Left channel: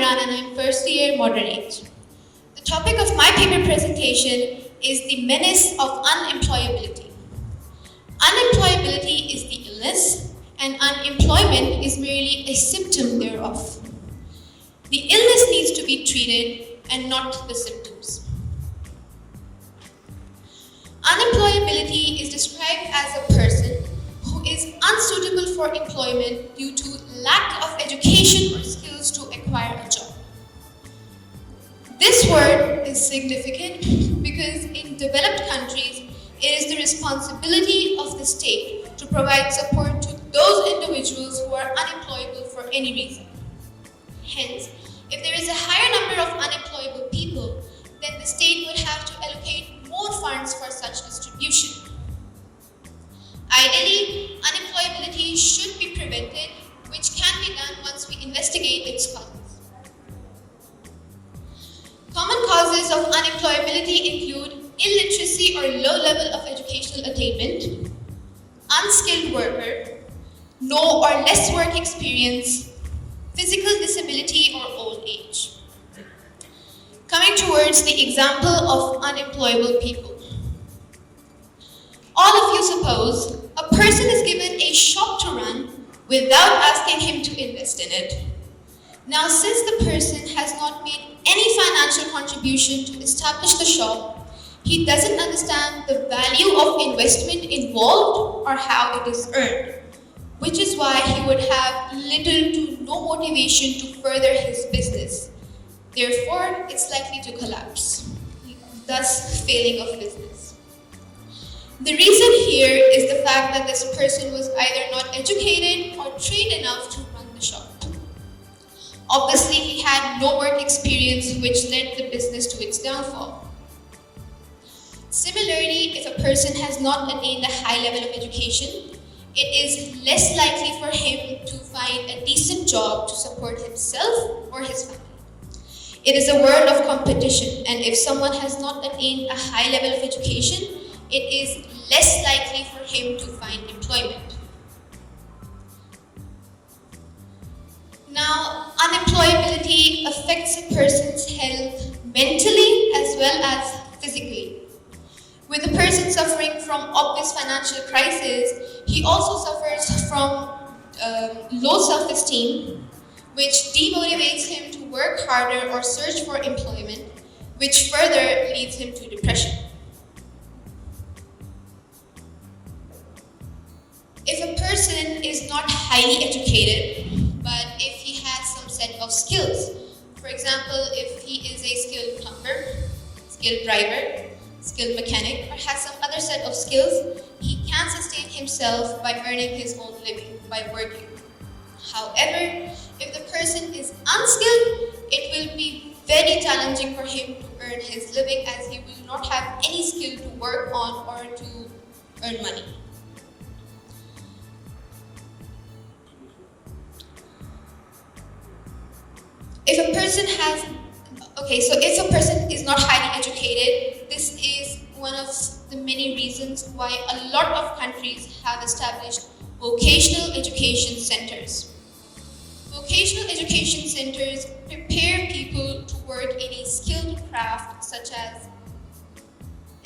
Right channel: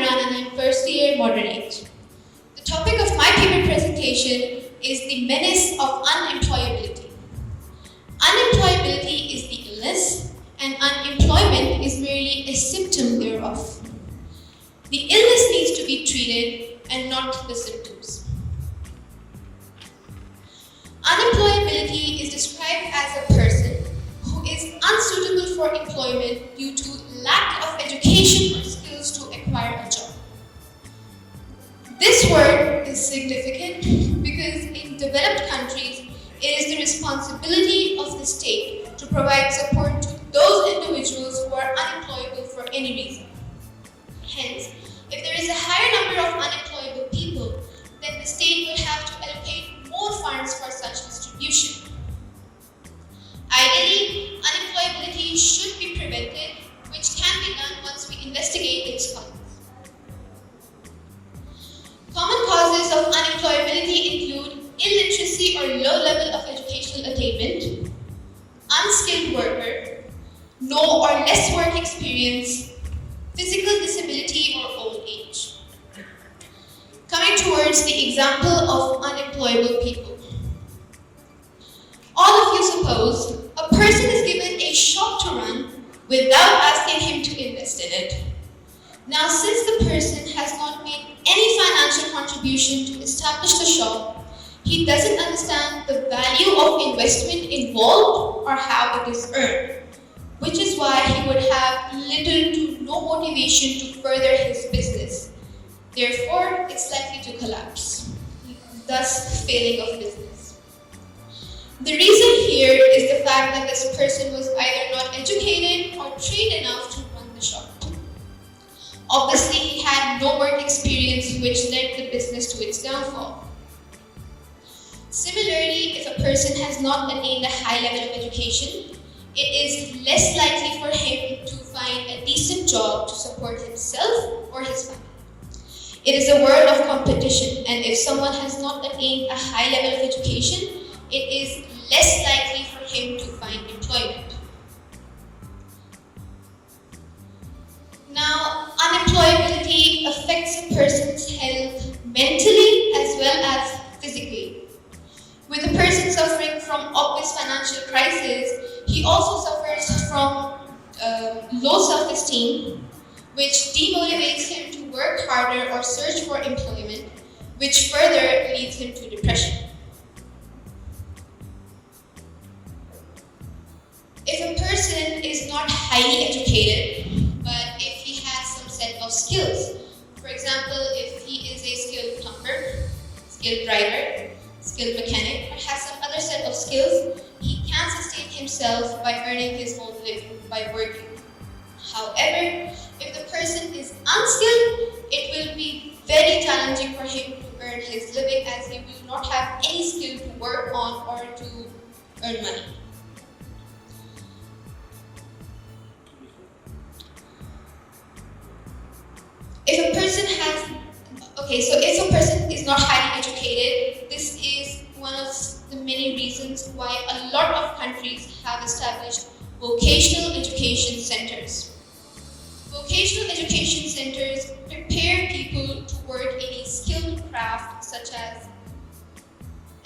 Imran and I'm first year Modernage. The topic of my paper presentation is the menace of unemployability. Unemployability is the illness and unemployment is merely a symptom thereof. The illness needs to be treated and not the symptoms. Unemployability is described as a person who is unsuitable for employment due to lack of education or skills to acquire a job. This word is significant because in developed countries, it is the responsibility of the state to provide support to those individuals who are unemployable for any reason. Hence, if there is a higher number of unemployable people, then the state would have to allocate more funds for such distribution. Ideally, unemployability should be prevented, which can be done once we investigate its causes. Common causes of unemployability include illiteracy or low level of educational attainment, unskilled worker, no or less work experience, physical disability or old age. Coming towards the example of unemployable people. All of you suppose a person is given a shop to run without asking him to invest in it. Now, since the person has not made any financial contribution to establish the shop, he doesn't understand the value of investment involved or how it is earned, which is why he would have little to no motivation to further his business. Therefore, it's likely to collapse, thus failing of business. The reason here is the fact that this person was either not educated or trained enough to run the shop. Obviously, he had no work experience, which led the business to its downfall. Similarly, if a person has not attained a high level of education, it is less likely for him to find a decent job to support himself or his family. It is a world of competition, and if someone has not attained a high level of education, it is less likely for him to find employment. Now, unemployability affects a person's health mentally as well as physically. With a person suffering from obvious financial crisis, he also suffers from low self-esteem, which demotivates him to work harder or search for employment, which further leads him to depression. If a person is not highly educated, but if he has some set of skills, for example, if he is a skilled plumber, skilled driver, skilled mechanic, or has some other set of skills, he can sustain himself by earning his own living by working. However, if the person is unskilled, it will be very challenging for him to earn his living as he will not have any skill to work on or to earn money. If a person is not highly educated, this is one of the many reasons why a lot of countries have established vocational education centers. Vocational education centers prepare people to work in a skilled craft such as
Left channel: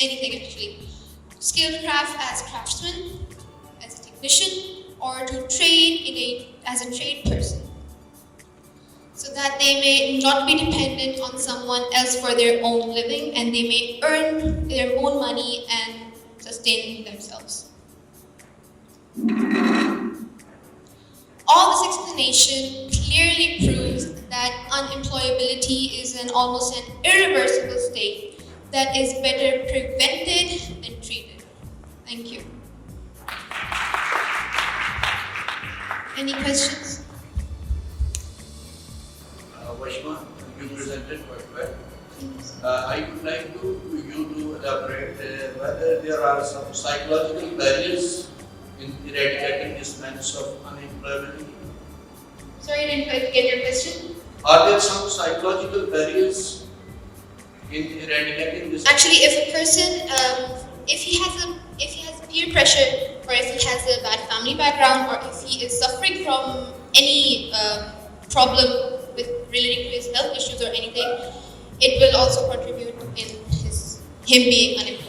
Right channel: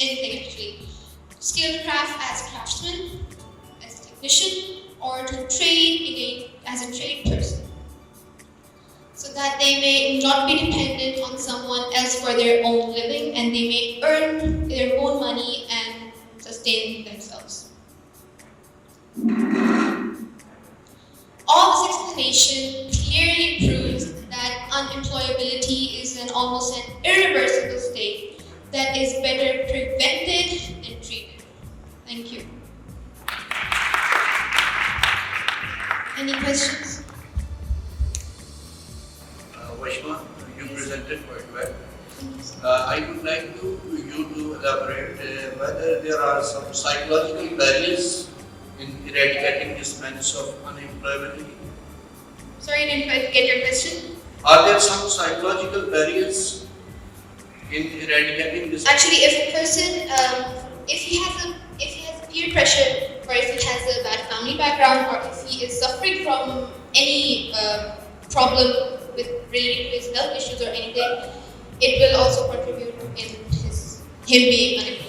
anything actually. Skilled craft as craftsman, as a technician, or to trade as a trade person, so that they may not be dependent on someone else for their own living and they may earn their own money and sustain themselves. All this explanation clearly proves that unemployability is almost an irreversible state that is better prevented than treated. Thank you. Any questions? Washma, you presented quite well. I would like you to elaborate whether there are some psychological barriers in eradicating this menace of unemployability. Sorry, I didn't quite get your question. Are there some psychological barriers in eradicating this? Actually, if a person, if he has peer pressure, or if he has a bad family background, or if he is suffering from any problem with relating to his health issues or anything, it will also contribute in him being unemployed.